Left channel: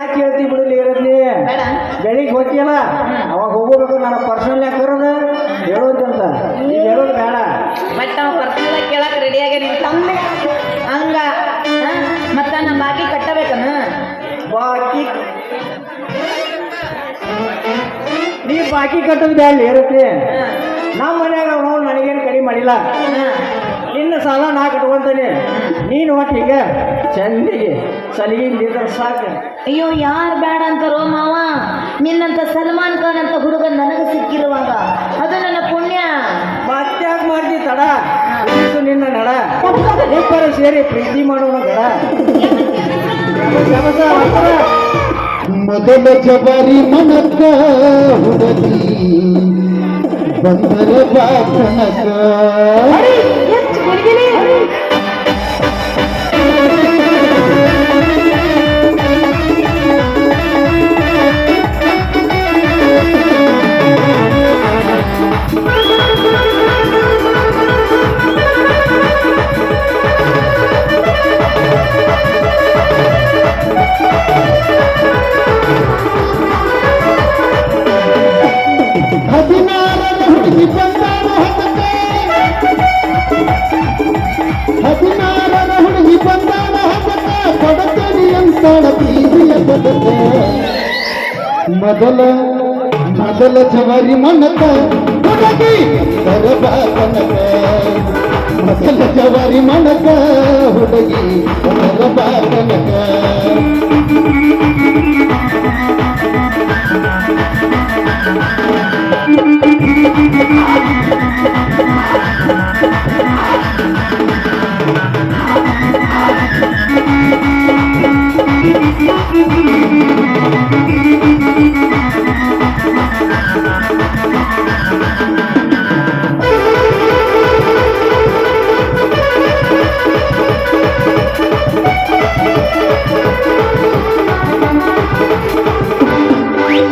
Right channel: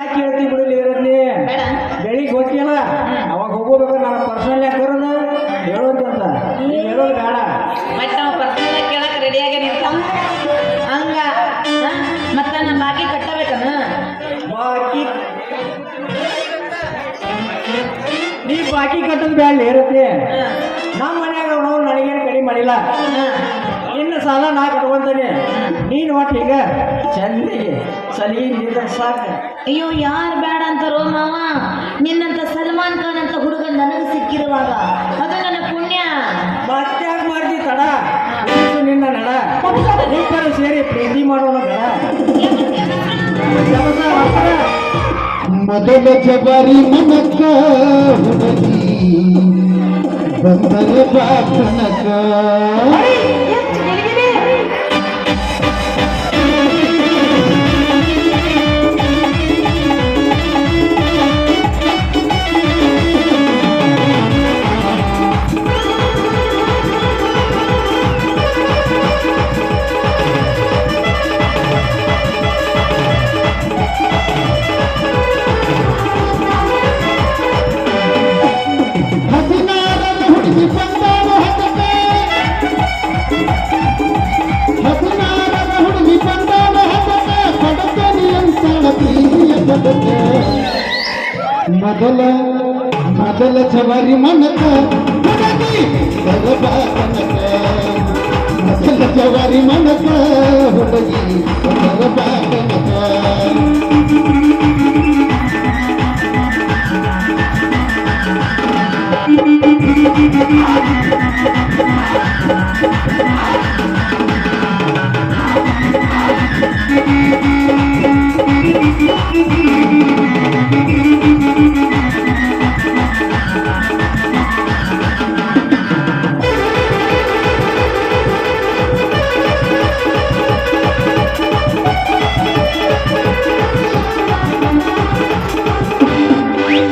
ಕೇಳ್ತಿ ಬಿಡಲಿ ಇರಲಿ ಬೆಳಿಗ್ಗೆ ಹೋಗಿಲ್ಲ ಅವಾಗ ಹೋಗ್ಬೇಕು ನನ್ನ ಪರ್ಸನಲ್ ಯಾಕರದ ಹೇಳೋದಂತ ಈಗ ಹೇಳೋದು ಬೇಡ ಬಟ್ ನಾವು ಪರ್ಸನಲ್ ಕೇಳಕ್ ರೆಡಿಯಾಗಿ ನಿಂತ ಹಂಗ ಮತ್ತ ನಮ್ಮ ಬಾಕಿ ಕಟ್ಟಬೇಕನ ಬಾಕಿ ನೀ ಬಾಕಿ ಕಟ್ಟೋದು ಬೇಡ ಇರುತ್ತೆ ನಮ್ಮ ಮನ್ಯಾಗ ನಾವು ನನಗೇನು ಕಡಿಮೆ ಮಾಡಿಲ್ಲ ನಿನ್ನ ಸಾಲ ನಾ ಕಟ್ಕೊಂತಾನೆ ನೀನು ಒಟ್ಟಿಗೆ ಚಂದಿಗೆ ಸಲಿಗೆ ನಿಂತ ಸಾಕು ಅಯ್ಯೋ ಯಾರು ಬೇಡ ಅಂತಾರೋ ಮಾವ ನಿನ್ನಂತ ಸಲ್ಮಾನ್ ಖಾನ್ ಅಂತ ಹುಡುಗ ನನಗೆ ಸಿಕ್ಕಿರುವಾಗ ಅದು ನನ್ನ ಪುಣ್ಯ ಮತ್ತೆ ಮಾಡ್ತಿ ತಡ ಇದು ನಿನ್ನ ನಡ ಇಬ್ಬರು ಸೇರಿ ಪ್ರೀತಿ ಮಾಡೋಣ ಮೊದಲ ಜಬಾರಿ ಮನಕ ಹುಡುಗಿ ಬಂದರ ಬಾಕನಕ ಹುಡುಗಿ ಬಂದಾಳ ಪಡತೇರಿ ಅಂತಾಳ ಪ್ರೀತಿಯ ಬದಕ ಮೊದಲ ಜವಾರಿ ಮನಕ ಹುಡುಗಿ ಬಂದರ ಬಾಕನಕ ಮೊದಲ ಜವಾರಿ ಮನಕ ಹುಡುಗಿ ಬಂದರ ಬಾಕನಕ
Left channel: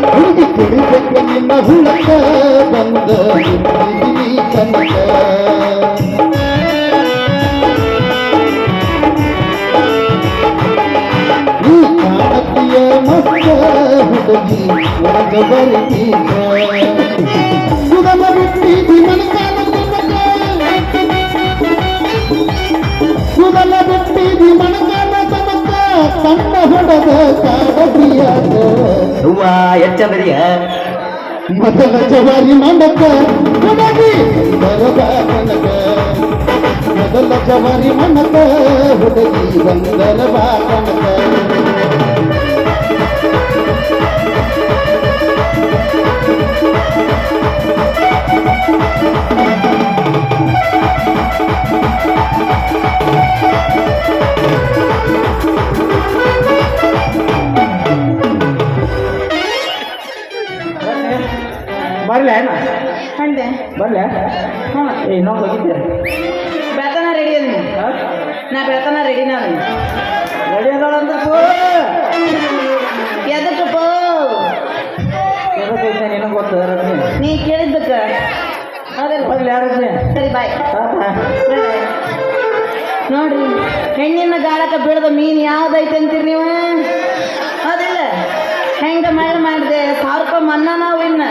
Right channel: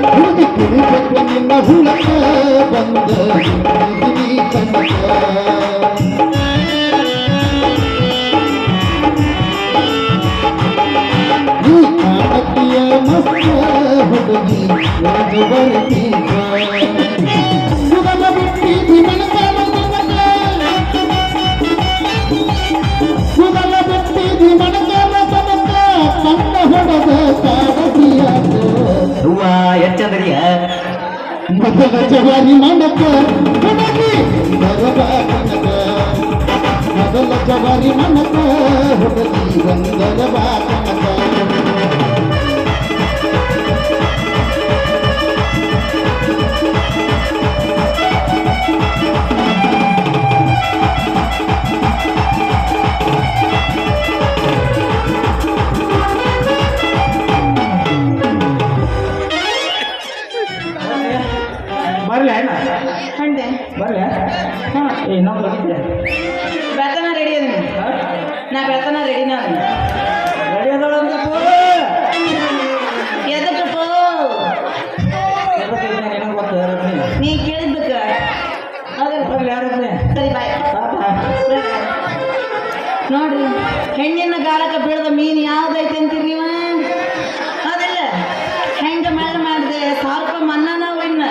ಹುಡುಗಿ ಕುಡಿಬೇಕು ನಿನ್ನ ಹುಳಕ ಬಂದ ಹುಡುಗಿ ಕನಕ ಈ ಕಾಣತಿಯ ಮಸ್ತ ಹುಡುಗಿ ಜಬರ್ತೀಗ ಸುಗಮ ಬಿಟ್ಟಿದಿ ಮನಕಾಲ ಸುಗಮ ಬಿಟ್ಟಿದಿ ಮನಕಾಲ ತನಕ ಕಣ್ಣ ಹೊಡೆದ ಕಾಡದಿಯಾದ ಎಚ್ಚಂದ್ರಿಯ ಮೊದಲ ಜವಾರಿ ಮನಕ ಹುಡುಗಿ ಬಂದರ ಬಾಕನಕ ಮೊದಲ ಜವಾರಿ ಮನಕ ಹುಡುಗಿ ಬಂದರ ಬಾಕನಕ ಬರ್ಲೆ ಕಂಡೆ ಬರ್ಲೆ ಇನ್ನೊಂದು ಹೋಗಿದ್ದೆ ಬೆಳತನ ರೆಡಿ ಅದೀನಿ ನಾ ಬೆಳತನ ರೆಡಿ ನಾನು ರೆಡಿ ಅದೋಳ ಅಂದ್ರೆ ಎದಕ್ಕಪ್ಪ ನಿನಗೆ ಗೊತ್ತು ರತ್ನಿ ನೀ ಕೇಳಿದ್ಬೇಕ ಹೌದಲ್ಲ ಬರ್ಲಿ ಯಾರತ್ನಿ ಸರಿ ಬಾಯ್ ನೋಡ್ರಿ ಹೆಣ್ಣಿನ ಗಾಳಕ್ಕೆ ಬೀಳದ ಮೀನು ಯಾವ್ದೈತೆ ಅಂತೀರಿ ನೀವು ಹೌದಿಲ್ಲ ಹೆಂಗ ಮೇಳ ಮಾಡಿದೆ 1000 ರೂಪಾಯಿ ಮನ್ನಾ ನಾವು ಇನ್ನ